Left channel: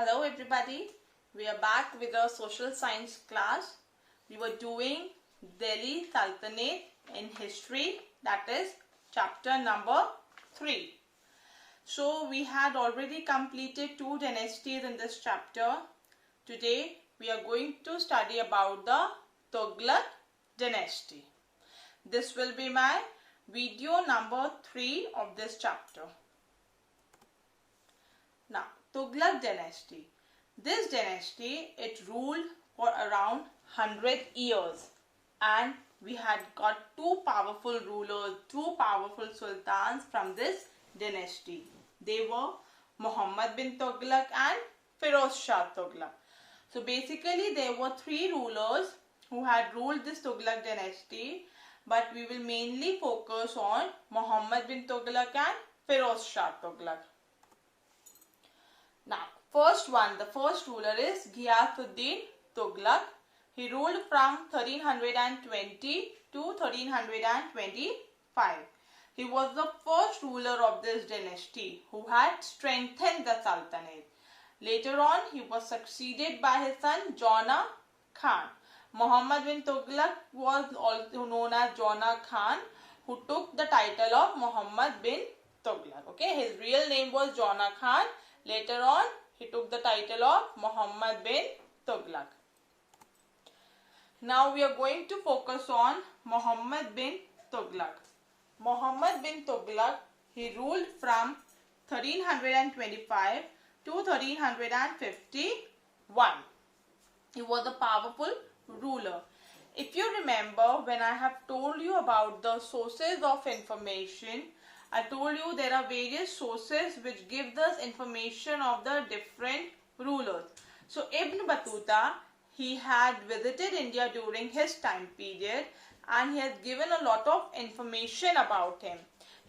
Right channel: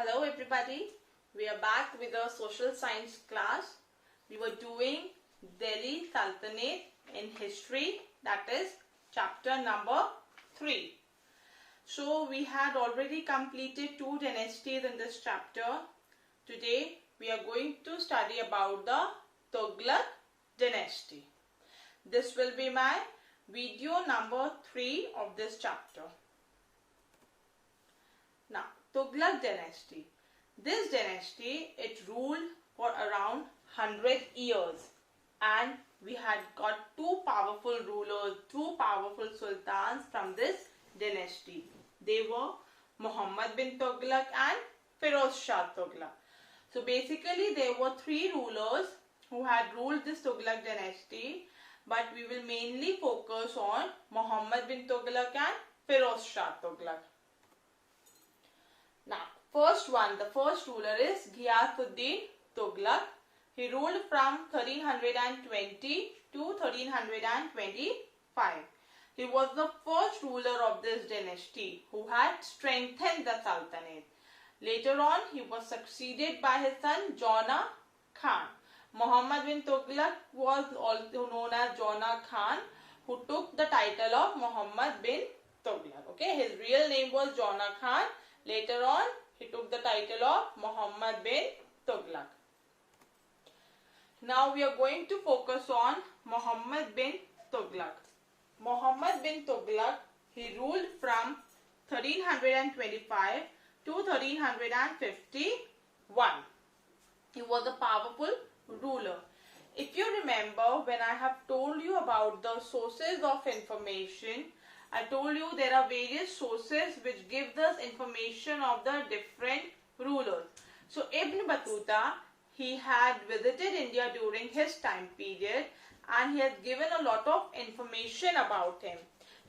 Hello everybody, we are back with our social science class. We were doing Delhi Sultanate in history, that is chapter number 3. So we had already completed 2 dynasties in this chapter. Today we are going to study about the Tughlaq dynasty. This will be my video number 3 of this chapter. Now, Tughlaq dynasty. This dynasty, it ruled for around 100 years, and we had got 2 powerful rulers, 2 powerful sultans from this dynasty. They were Muhammad bin Tughlaq and Firoz Shah Tughlaq. So basically there were 3 rulers who had ruled this Tughlaq dynasty, but we will mainly focus on Muhammad bin Tughlaq and Firoz Shah Tughlaq. Now, the first ruler is Ghiyasuddin Tughlaq. He ruled from 1320 to 1325. He was the first ruler of this dynasty who had strengthened the Sultanate. Later on, he was succeeded by his son Jona Khan. Muhammad bin Tughlaq was also known as Jona Khan, who took the title of Muhammad bin Tughlaq. Okay, his real name was Jona Khan. Later on, he took the title of Muhammad bin Tughlaq. Now we are going to focus on Muhammad bin Tughlaq. Muhammad bin Tughlaq, he ruled from 1325 to 1351. He was a powerful ruler. If you remember, when I have told you about the sources of information, I told you there are various sources which give us information of the different rulers. So Ibn Battuta, he had visited India during his time period, and he has given a lot of information about him.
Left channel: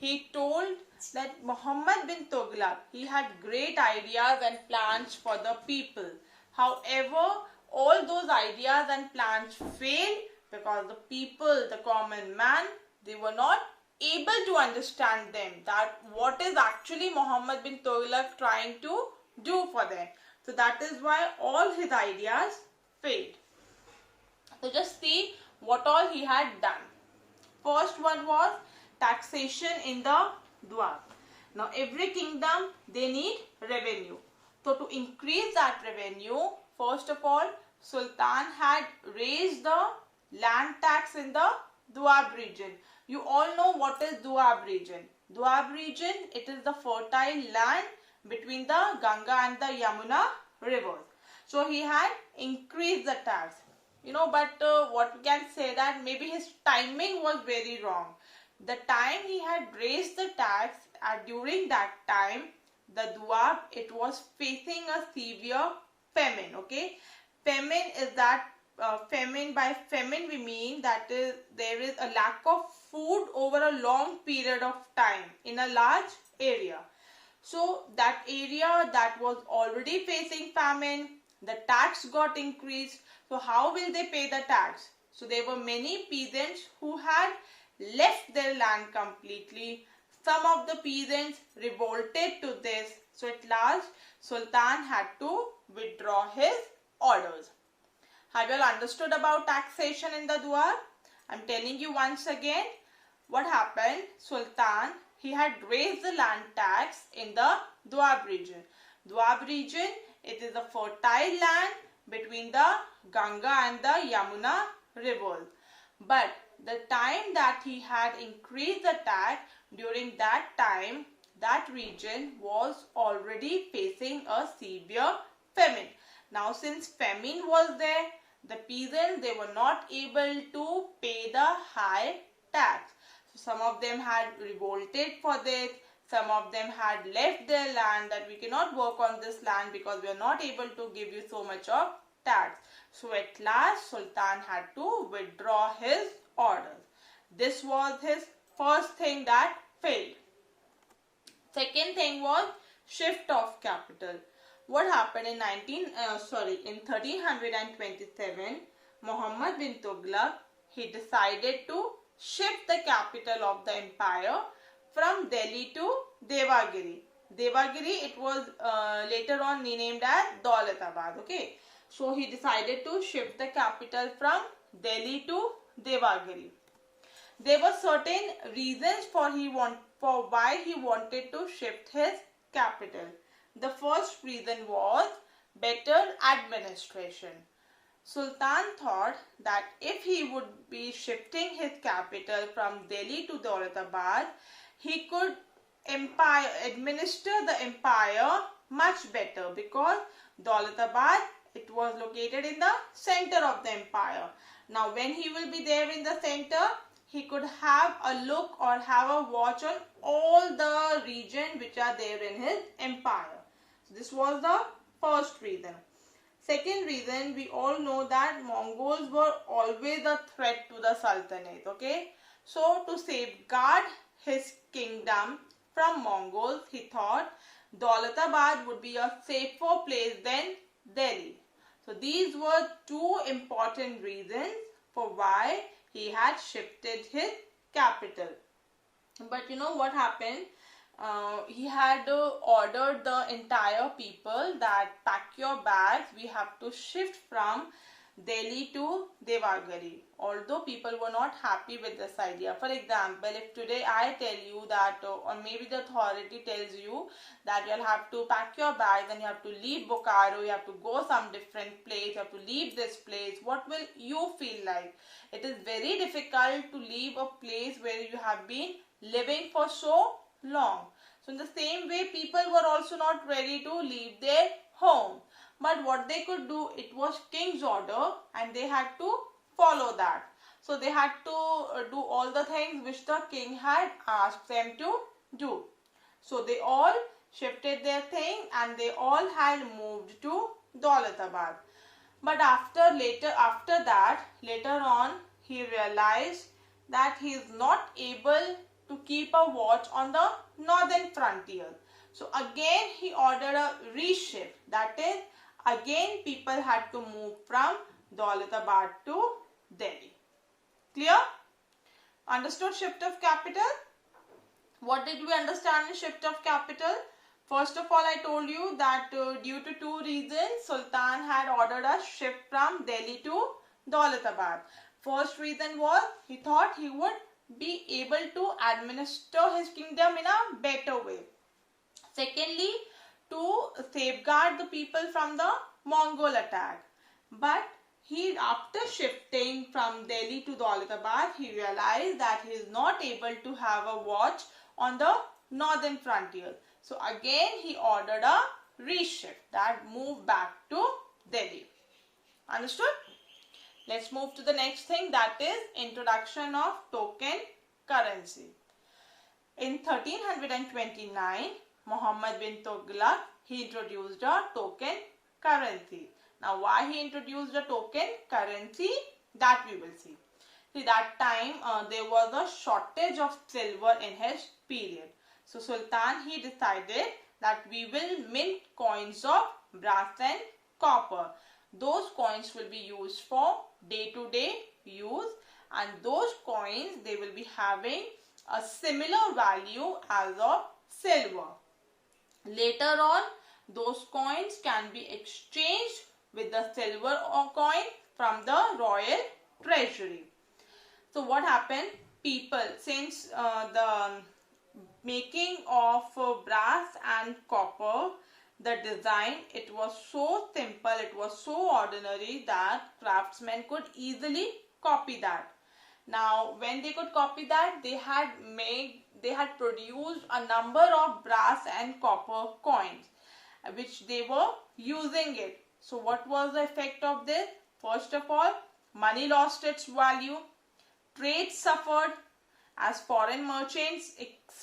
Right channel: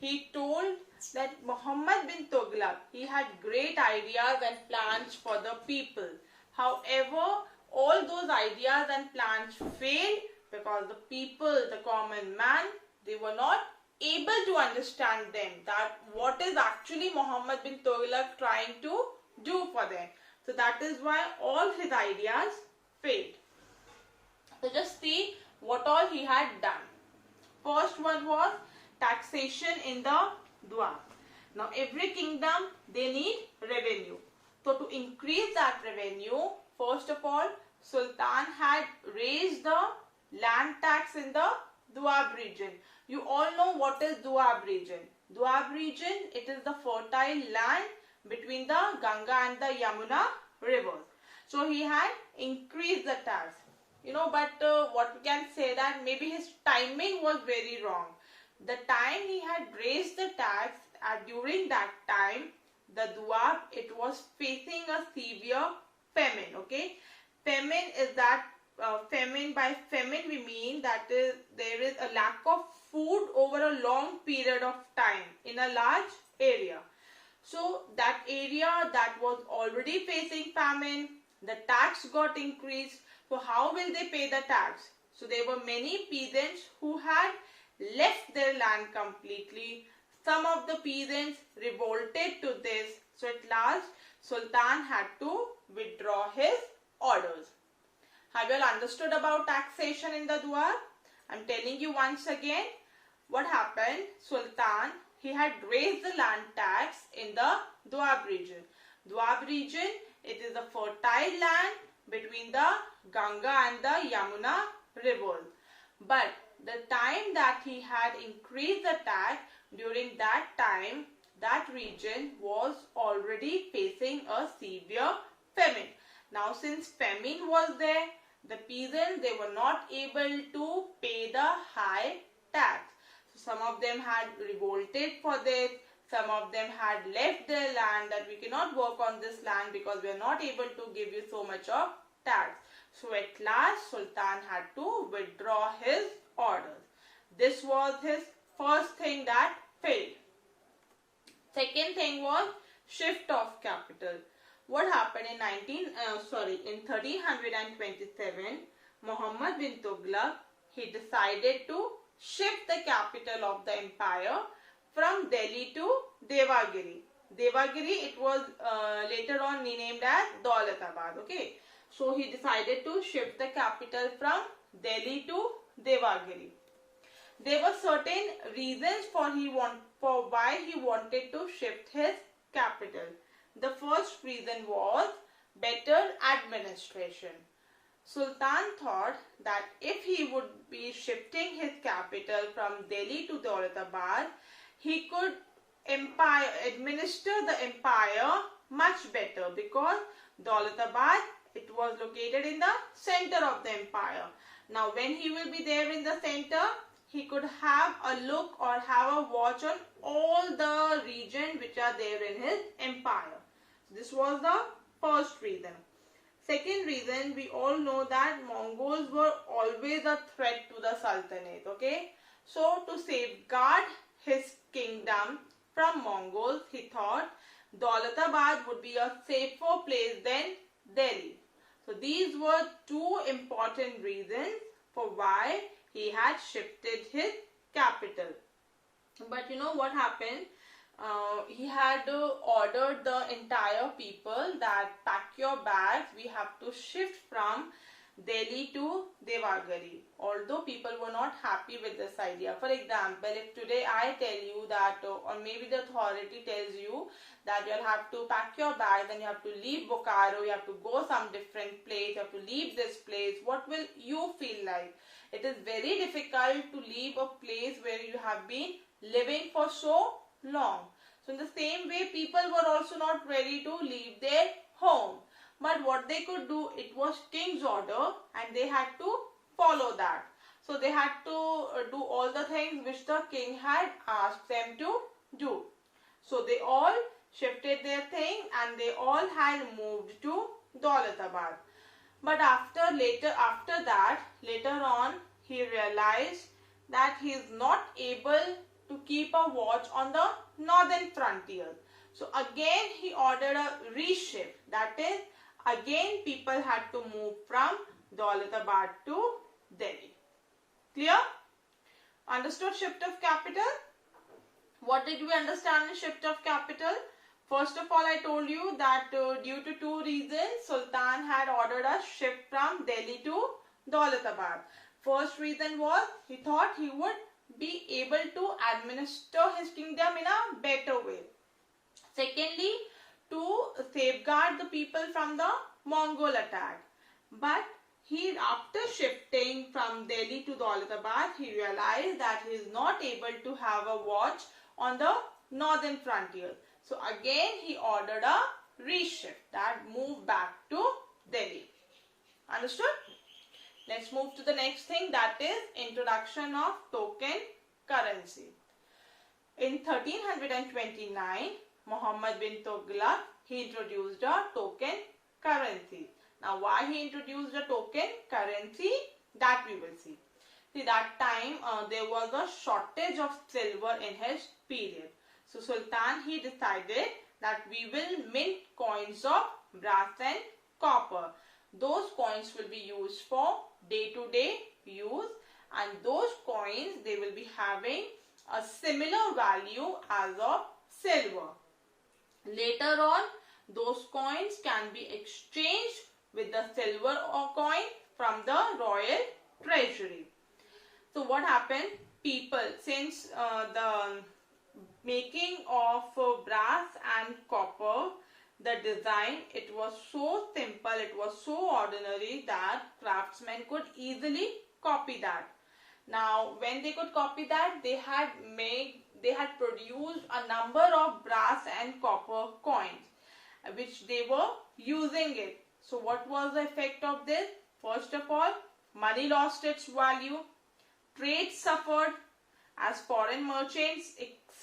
He told that Muhammad bin Tughlaq, he had great ideas and plans for the people. However, all those ideas and plans failed because the people, the common man, they were not able to understand them, that what is actually Muhammad bin Tughlaq trying to do for them. So that is why all his ideas failed. So just see what all he had done. First one was taxation in the Dua. Now every kingdom, they need revenue. So to increase that revenue, first of all, Sultan had raised the land tax in the Doab region. You all know what is Doab region. Doab region, it is the fertile land between the Ganga and the Yamuna rivers. So he had increased the tax. But what we can say that maybe his timing was very wrong. The time he had raised the tax, during that time, the Doab, it was facing a severe famine. Okay, famine is that by famine we mean that there is a lack of food over a long period of time in a large area. So that area that was already facing famine, the tax got increased. So how will they pay the tax? So there were many peasants who had left their land completely. Some of the peasants revolted to this. So at last, Sultan had to withdraw his orders. Have you all understood about taxation in the Doab? I am telling you once again what happened. Sultan, he had raised the land tax in the Doab region. Doab region, it is a fertile land between the Ganga and the Yamuna rivers. But the time that he had increased the tax, during that time, that region was already facing a severe famine. Now since famine was there, the peasants, they were not able to pay the high tax. So some of them had revolted for this. Some of them had left their land, that we cannot work on this land because we are not able to give you so much of tax. So at last, Sultan had to withdraw his orders. This was his first thing that failed. Second thing was shift of capital. What happened in 1327, Muhammad bin Tughlaq, he decided to shift the capital of the empire from Delhi to Devagiri. Devagiri, it was later on renamed as Daulatabad. Okay, so he decided to shift the capital from Delhi to Devagiri. There were certain reasons for why he wanted to shift his capital. The first reason was better administration. Sultan thought that if he would be shifting his capital from Delhi to Daulatabad, he could administer the empire much better, because Daulatabad, it was located in the center of the empire. Now when he will be there in the center, he could have a look or have a watch on all the region which are there in his empire. So this was the first reason. Second reason, we all know that Mongols were always a threat to the Sultanate. Okay, so to safeguard his kingdom from Mongols, he thought Daulatabad would be a safer place than Delhi. So these were two important reasons for why he had shifted his capital. But you know what happened? He had ordered the entire people that pack your bags, we have to shift from Delhi to Devagiri. Although people were not happy with this idea. For example, if today I tell you that, or maybe the authority tells you that you'll have to pack your bags and you have to leave Bokaro, you have to go some different place, you have to leave this place, what will you feel like? It is very difficult to leave a place where you have been living for so long. So in the same way, people were also not ready to leave their home. But what they could do, it was king's order and they had to follow that. So they had to do all the things which the king had asked them to do. So they all shifted their thing and they all had moved to Daulatabad. But later on, he realized that he is not able to keep a watch on the northern frontier. So again he ordered a reshift. That is, again people had to move from Daulatabad to Delhi. Clear? Understood shift of capital? What did we understand in shift of capital? First of all, I told you that due to two reasons, Sultan had ordered a shift from Delhi to Daulatabad. First reason was he thought he would be able to administer his kingdom in a better way. Secondly, to safeguard the people from the Mongol attack. But after shifting from Delhi to Daulatabad, he realized that he is not able to have a watch on the northern frontier. So again he ordered a reshift, that move back to Delhi. Understood? Let's move to the next thing, that is introduction of token currency. In 1329, Muhammad bin Tughlaq, he introduced a token currency. Now why he introduced a token currency, that we will see. See, that time there was a shortage of silver in his period. So Sultan, he decided that we will mint coins of brass and copper. Those coins will be used for day-to-day use, and those coins, they will be having a similar value as of silver. Later on, those coins can be exchanged with the silver coin from the royal treasury. So what happened? People, since the making of brass and copper, the design, it was so simple, it was so ordinary that craftsmen could easily copy that. Now when they could copy that, they had produced a number of brass and copper coins which they were using it. So what was the effect of this? First of all, money lost its value, trade suffered, as foreign merchants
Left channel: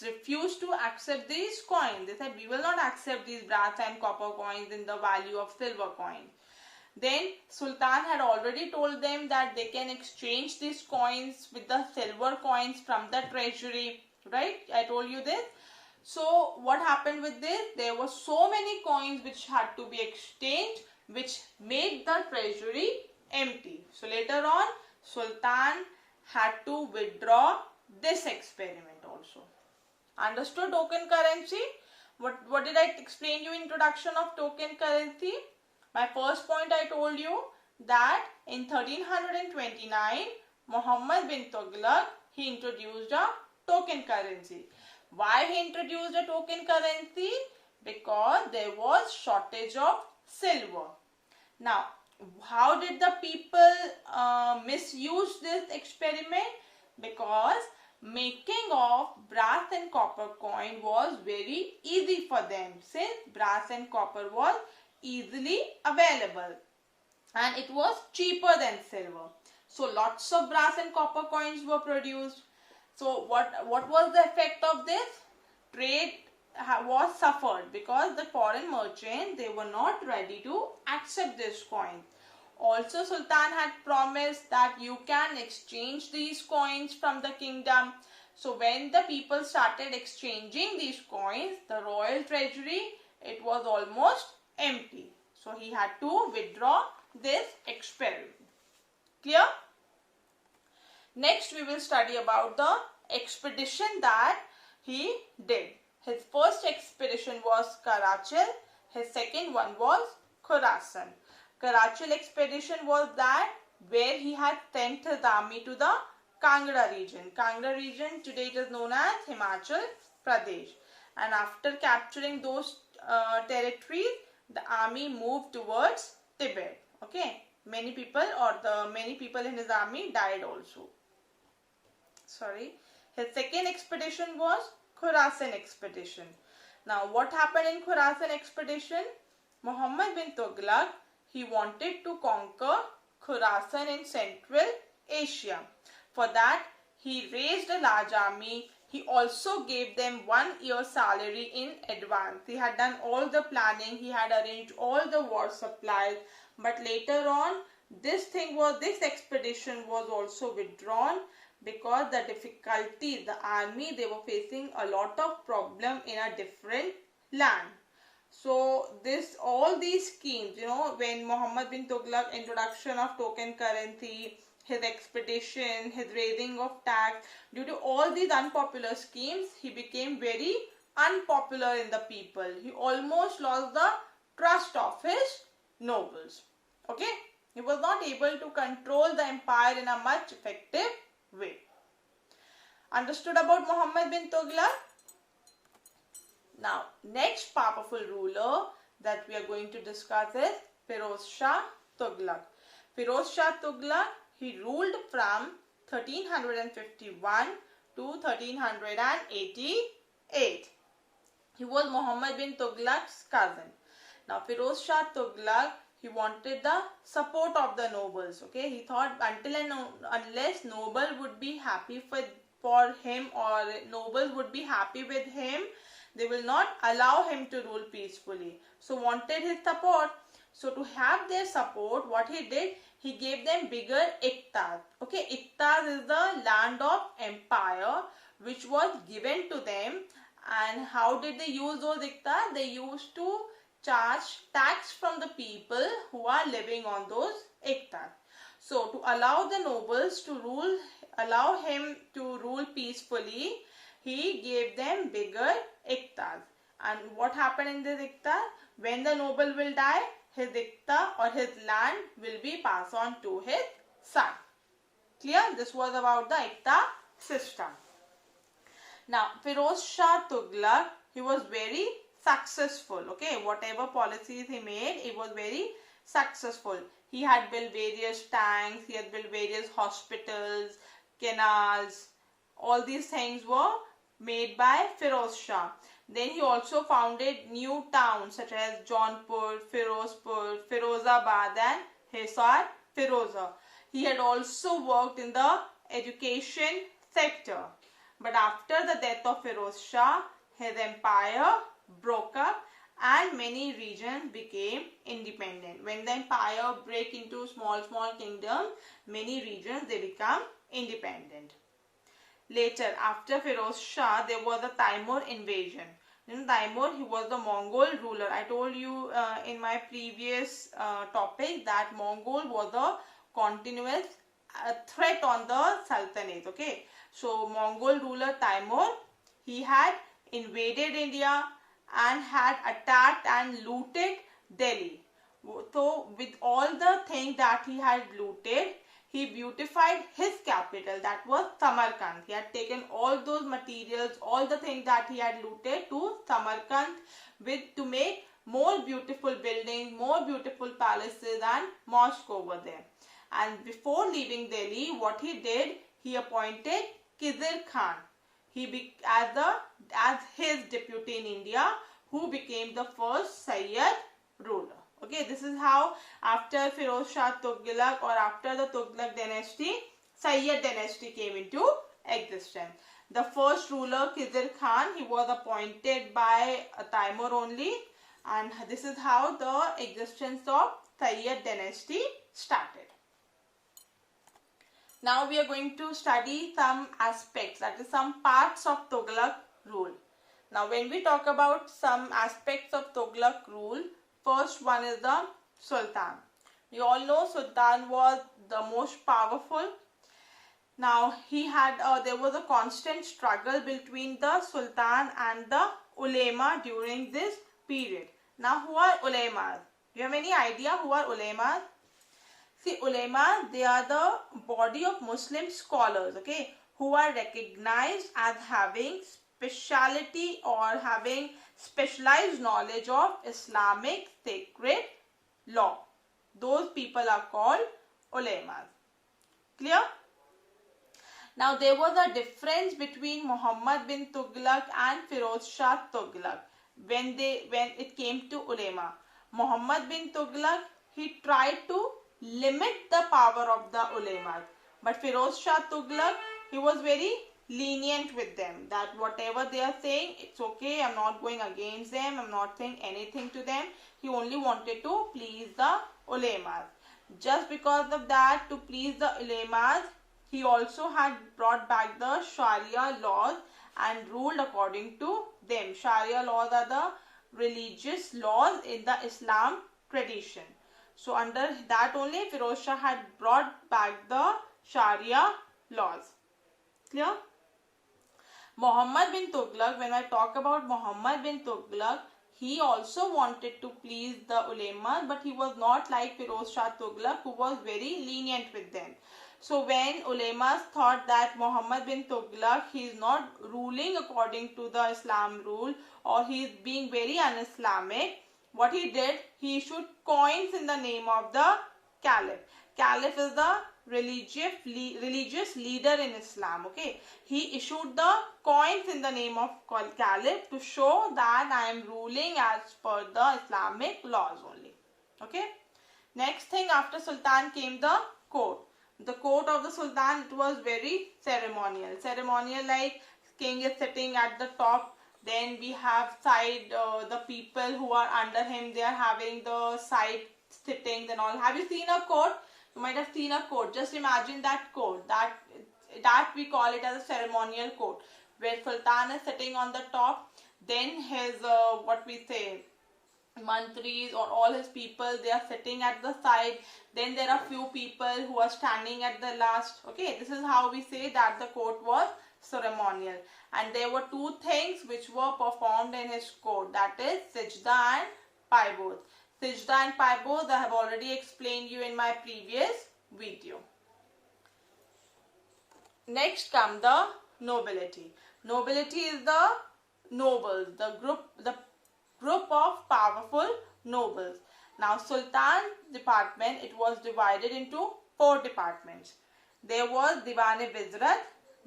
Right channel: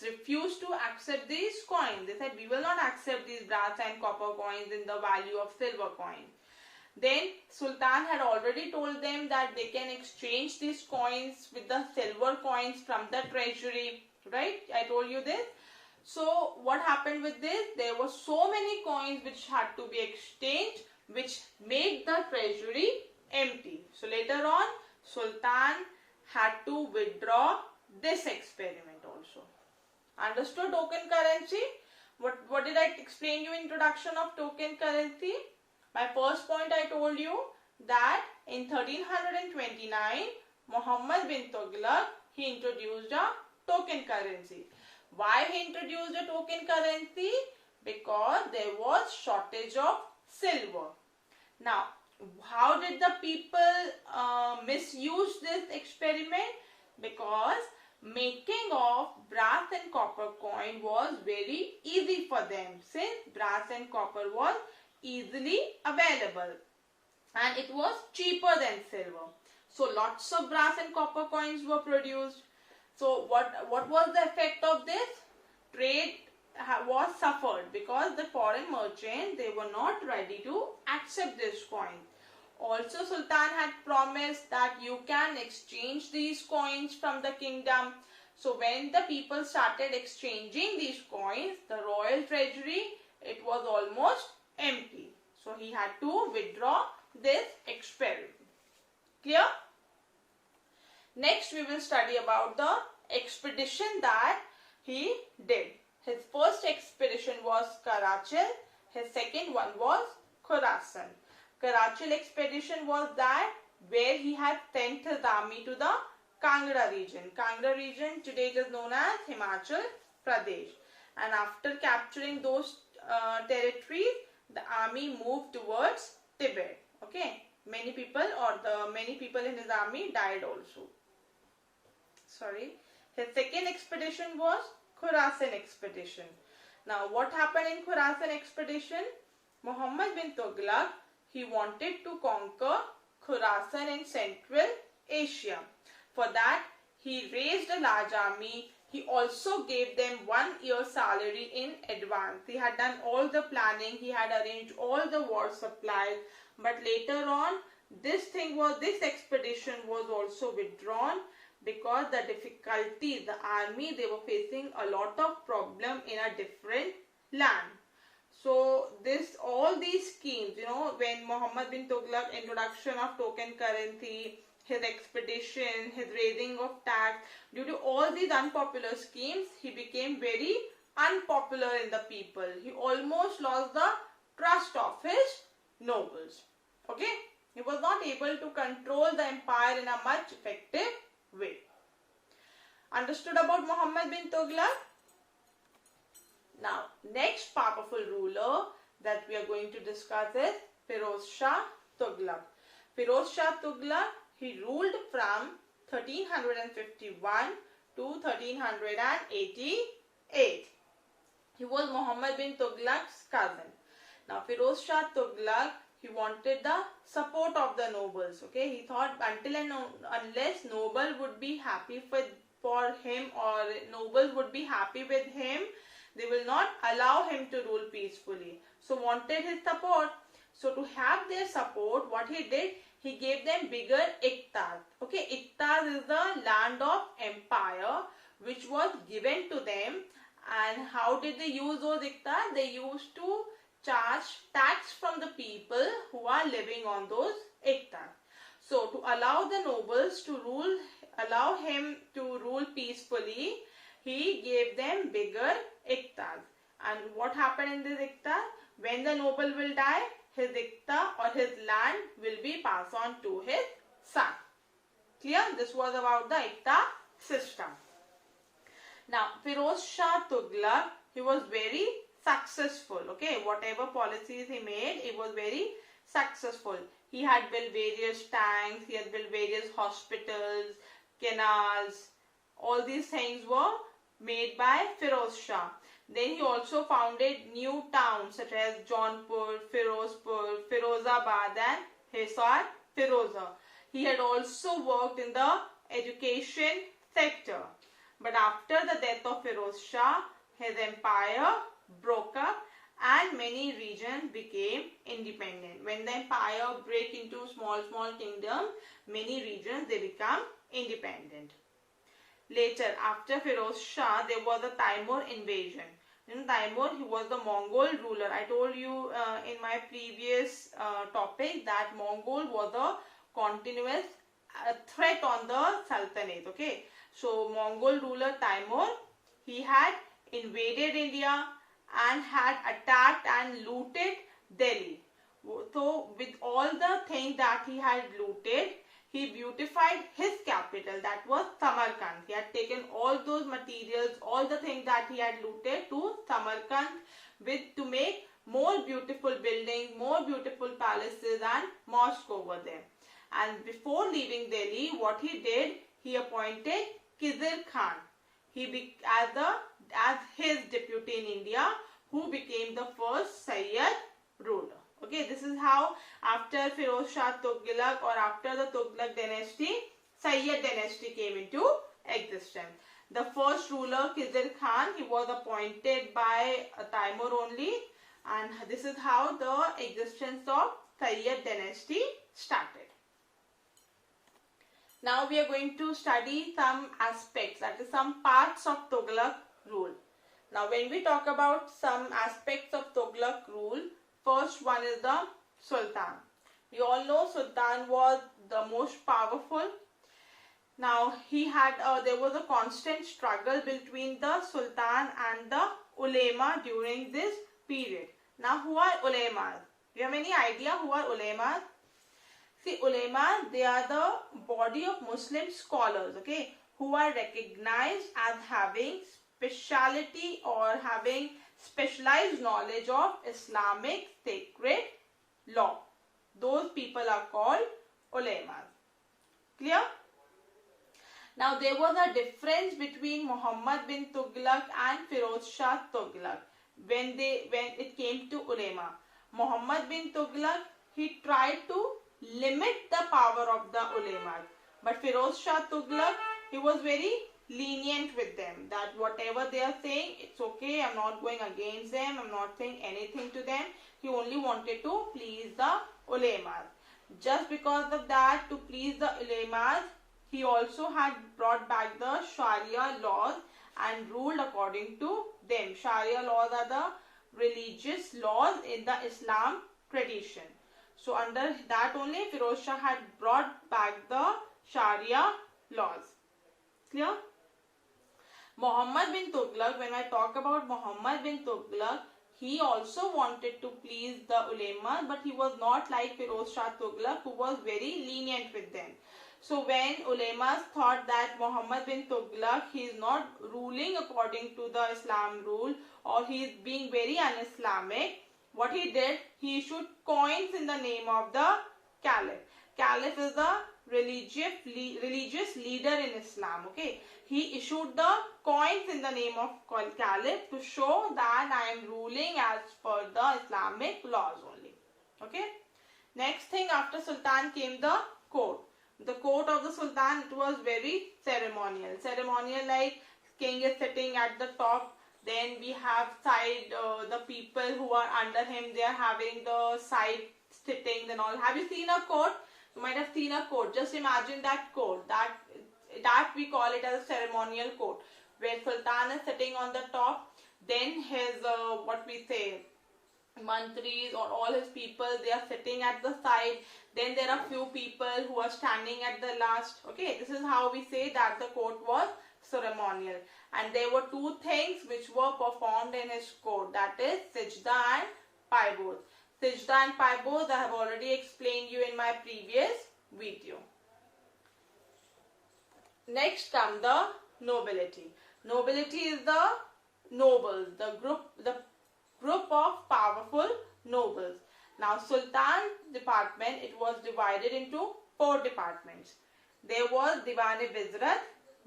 refused to accept these coins. They said, we will not accept these brass and copper coins in the value of silver coins. Then Sultan had already told them that they can exchange these coins with the silver coins from the treasury, right? I told you this. So what happened with this? There were so many coins which had to be exchanged, which made the treasury empty. So later on, Sultan had to withdraw this experiment also. Understood token currency? What did I explain you in introduction of token currency? My first point I told you that in 1329, Muhammad bin Tughlaq, he introduced a token currency. Why he introduced a token currency? Because there was shortage of silver. Now, how did the people misuse this experiment? Because making of brass and copper coin was very easy for them, since brass and copper was easily available and it was cheaper than silver. So lots of brass and copper coins were produced. So what was the effect of this? Trade was suffered because the foreign merchants, they were not ready to accept this coin. Also, Sultan had promised that you can exchange these coins from the kingdom. So when the people started exchanging these coins, the royal treasury, it was almost empty. So he had to withdraw this experiment. Clear? Next we will study about the expedition that he did. His first expedition was Karachil. His second one was Khorasan. Karachil expedition was that where he had sent his army to the Kangra region. Kangra region today it is known as Himachal Pradesh. And after capturing those territories, the army moved towards Tibet. Okay, many people in his army died also. Sorry. His second expedition was Khorasan expedition. Now, what happened in Khorasan expedition? Muhammad bin Tughlaq, he wanted to conquer Khorasan in Central Asia. For that, he raised a large army. He also gave them 1 year's salary in advance. He had done all the planning. He had arranged all the war supplies. But later on, this expedition was also withdrawn because the difficulties, the army, they were facing a lot of problem in a different land. So all these schemes, when Muhammad bin Tughlaq introduction of token currency, his expedition, his raising of tax, due to all these unpopular schemes, he became very unpopular in the people. He almost lost the trust of his nobles. Okay, he was not able to control the empire in a much effective way. Understood about Muhammad bin Tughlaq? Now, next powerful ruler that we are going to discuss is Firoz Shah Tughlaq. Firoz Shah Tughlaq, he ruled from 1351 to 1388. He was Muhammad bin Tughlaq's cousin. Now, Firoz Shah Tughlaq, he wanted the support of the nobles. Okay, he thought until and unless noble would be happy for him, or nobles would be happy with him, they will not allow him to rule peacefully. So wanted his support. So to have their support, what he did, he gave them bigger iqtas. Okay, iqtas is the land of empire which was given to them. And how did they use those iqtas? They used to charge tax from the people who are living on those iqtas. So to allow the nobles to rule, allow him to rule peacefully, he gave them bigger iqtas. And what happened in this iqta? When the noble will die, his iqta or his land will be passed on to his son. Clear? This was about the iqta system. Now, Firoz Shah Tughlaq, he was very successful. Okay, whatever policies he made, it was very successful. He had built various tanks, he had built various hospitals, canals. All these things were made by Firoz Shah. Then he also founded new towns such as Jaunpur, Firozpur, Firozabad and Hisar Firoza. He had also worked in the education sector. But after the death of Firoz Shah, his empire broke up and many regions became independent. When the empire break into small kingdoms, many regions, they become independent. Later, after Firoz Shah, there was a Timur invasion. In Timur, he was the Mongol ruler. I told you in my previous topic that Mongol was a continuous threat on the Sultanate. Okay, so Mongol ruler Timur, he had invaded India and had attacked and looted Delhi. So with all the things that he had looted, he beautified his capital, that was Samarkand. He had taken all those materials, all the things that he had looted to Samarkand to make more beautiful buildings, more beautiful palaces and mosques over there. And before leaving Delhi, what he did, he appointed Khizr Khan as his deputy in India, who became the first Sayyid ruler. Okay, this is how after Firoz Shah Tughlaq, or after the Tughlaq dynasty, Sayyid dynasty came into existence. The first ruler, Khizr Khan, he was appointed by Taimur only, and this is how the existence of Sayyid dynasty started. Now we are going to study some aspects, that is some parts of Tughlaq rule. Now when we talk about some aspects of Tughlaq rule, first one is the Sultan. We all know Sultan was the most powerful. Now there was a constant struggle between the Sultan and the ulema during this period. Now who are ulemas? Do you have any idea who are ulemas? See, ulema, they are the body of Muslim scholars, okay, who are recognized as having speciality or having specialized knowledge of Islamic sacred law. Those people are called ulemas. Clear? Now there was a difference between Muhammad bin Tughlaq and Firoz Shah Tughlaq when it came to ulema. Muhammad bin Tughlaq, he tried to limit the power of the ulemas, but Firoz Shah Tughlaq, he was very lenient with them, that whatever they are saying, it's okay, I'm not going against them, I'm not saying anything to them. He only wanted to please the ulemas. Just because of that, to please the ulemas, he also had brought back the Sharia laws and ruled according to them. Sharia laws are the religious laws in the Islam tradition. So under that only, Firoz Shah had brought back the Sharia laws. Clear? Muhammad bin Tughlaq, when I talk about Muhammad bin Tughlaq, he also wanted to please the ulema, but he was not like Firoz Shah Tughlaq, who was very lenient with them. So when ulemas thought that Muhammad bin Tughlaq, he is not ruling according to the Islam rule, or he is being very un-Islamic, what he did, he issued coins in the name of the Caliph. Caliph is the religious leader in Islam. Okay, he issued the coins in the name of Caliph to show that I am ruling as per the Islamic laws only. Okay. Next thing, after Sultan came the court. The court of the Sultan, it was very ceremonial. Ceremonial, like king is sitting at the top. Then we have side, the people who are under him, they are having the side sittings and all. Have you seen a court? You might have seen a court. Just imagine that court. That we call it as a ceremonial court, where Sultan is sitting on the top. Then his, mantris or all his people, they are sitting at the side. Then there are few people who are standing at the last. Okay, this is how we say that the court was ceremonial. And there were two things which were performed in his court, that is Sijda and Paiboz. Sijda and Paiboz I have already explained you in my previous video. Next come the nobility. Nobility is the nobles, the group of powerful nobles. Now Sultan department, it was divided into 4 departments. There was Diwan-e Wizrat,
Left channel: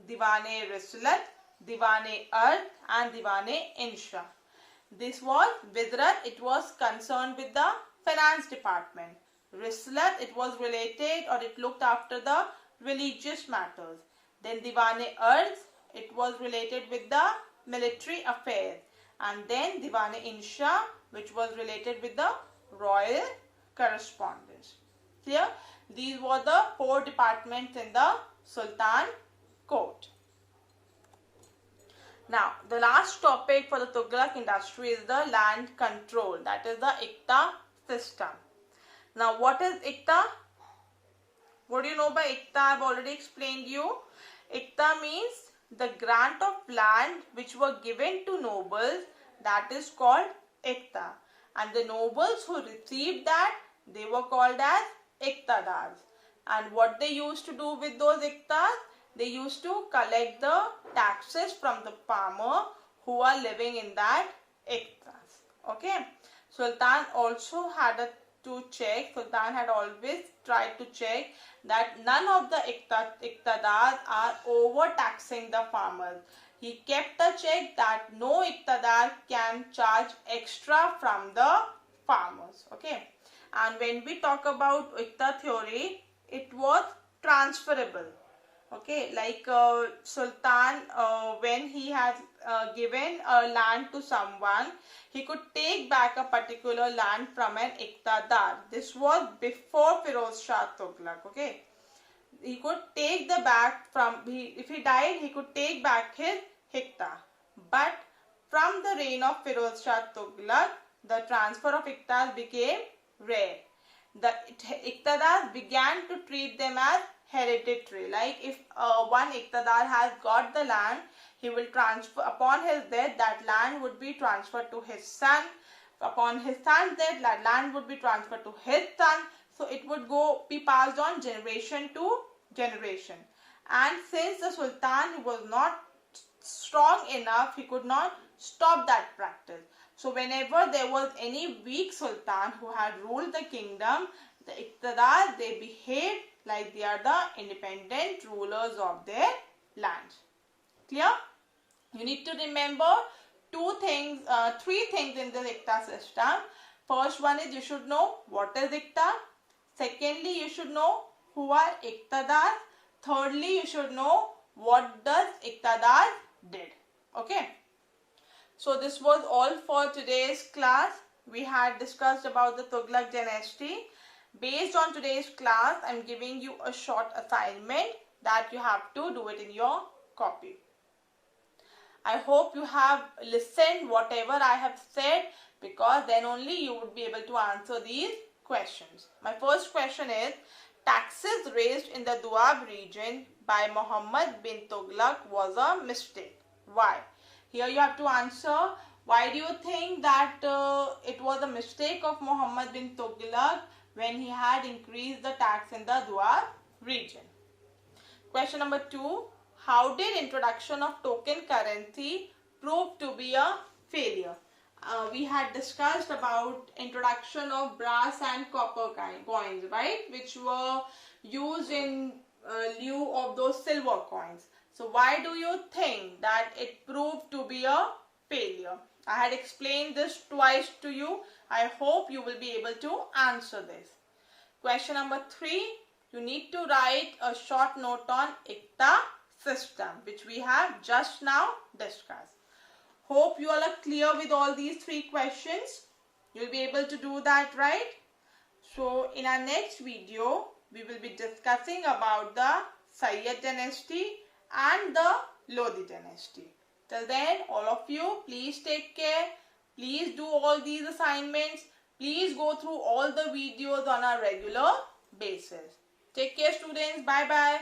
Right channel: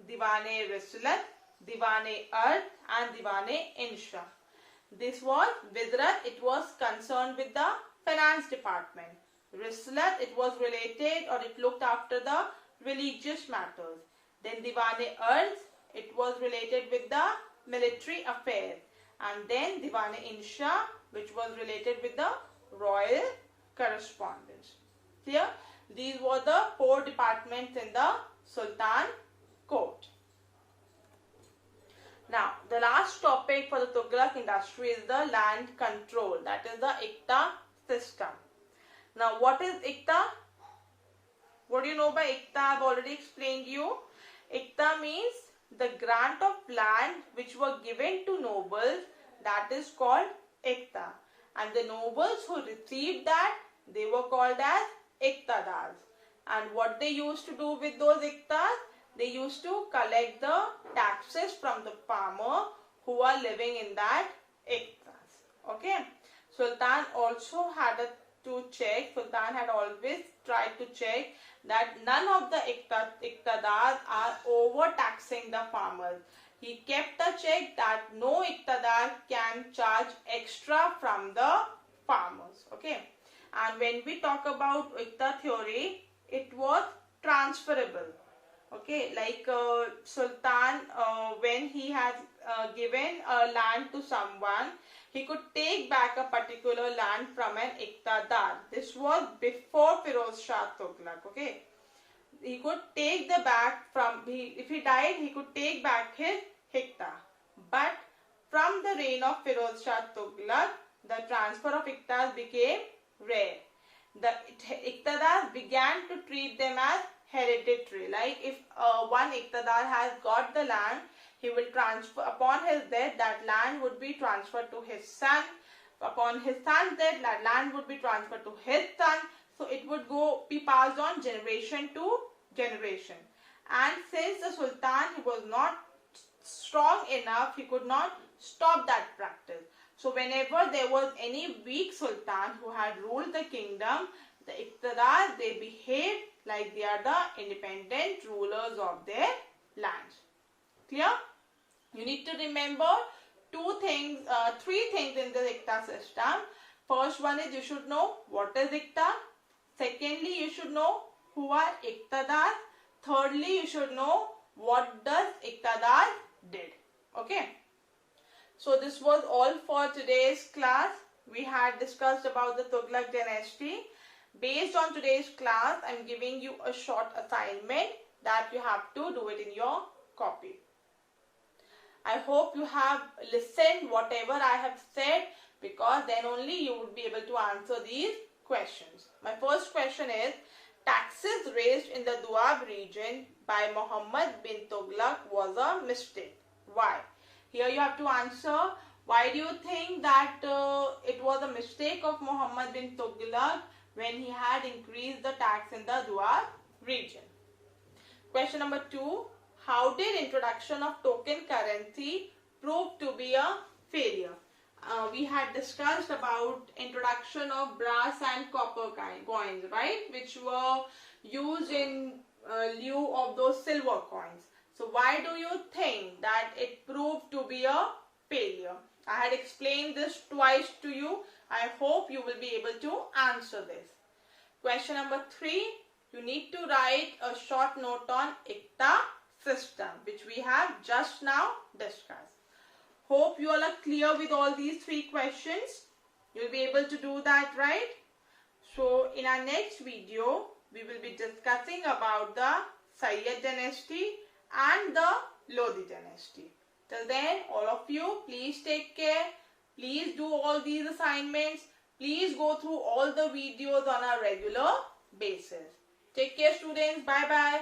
Diwan-e Risalat, Diwan-e Ard and Diwan-e Insha. This was Wizrat, it was concerned with the finance department. Risalat, it was related or it looked after the religious matters. Then Diwan-e Ard, it was related with the military affairs. And then Diwan-e Insha, which was related with the royal correspondence. Clear? These were the 4 departments in the Sultan court. Now, the last topic for the Tughlaq industry is the land control. That is the Iqta system. Now, what is Iqta? What do you know by Iqta? I have already explained you. Iqta means the grant of land which were given to nobles that is called Ikta. And the nobles who received that, they were called as Iktadars. And what they used to do with those Iktas? They used to collect the taxes from the farmer who are living in that Iktas. Okay. Sultan also had to check, Sultan had always tried to check that none of the Iktadars are overtaxing the farmers. He kept a check that no Iktadar can charge extra from the farmers. Okay. And when we talk about Ikta theory, it was transferable. Okay, like Sultan, when he had given a land to someone, he could take back a particular land from an Iqtadar. This was before Firoz Shah Tughlaq. Okay, he could take the back from, if he died, he could take back his Iqta. But from the reign of Firoz Shah Tughlaq, the transfer of Iqtas became rare. The Iqtadars began to treat them as hereditary. Like if one Iqtadar has got the land, he will transfer, upon his death, that land would be transferred to his son. Upon his son's death, that land would be transferred to his son. So it would be passed on generation to generation. And since the Sultan, he was not strong enough, he could not stop that practice. So whenever there was any weak Sultan who had ruled the kingdom, the Iqtadar, they behaved like they are the independent rulers of their land. Clear? You need to remember three things in the Iqta system. First one is you should know what is Iqta. Secondly, you should know who are Iqtadar. Thirdly, you should know what does Iqtadar did. Okay. So this was all for today's class. We had discussed about the Tughlaq dynasty. Based on today's class, I am giving you a short assignment that you have to do it in your copy. I hope you have listened whatever I have said, because then only you would be able to answer these questions. My first question is, taxes raised in the Doab region by Muhammad bin Tughlaq was a mistake. Why? Here you have to answer, why do you think that it was a mistake of Muhammad bin Tughlaq when he had increased the tax in the Doab region? Question number 2. How did introduction of token currency prove to be a failure? We had discussed about introduction of brass and copper coins, right? Which were used in lieu of those silver coins. So why do you think that it proved to be a failure? I had explained this twice to you. I hope you will be able to answer this. Question number 3. You need to write a short note on Iqta system, which we have just now discussed. Hope you all are clear with all these 3 questions. You'll be able to do that, right? So in our next video, we will be discussing about the Sayyid dynasty and the Lodi dynasty. Till then, all of you, please take care. Please do all these assignments. Please go through all the videos on a regular basis. Take care, students. Bye-bye.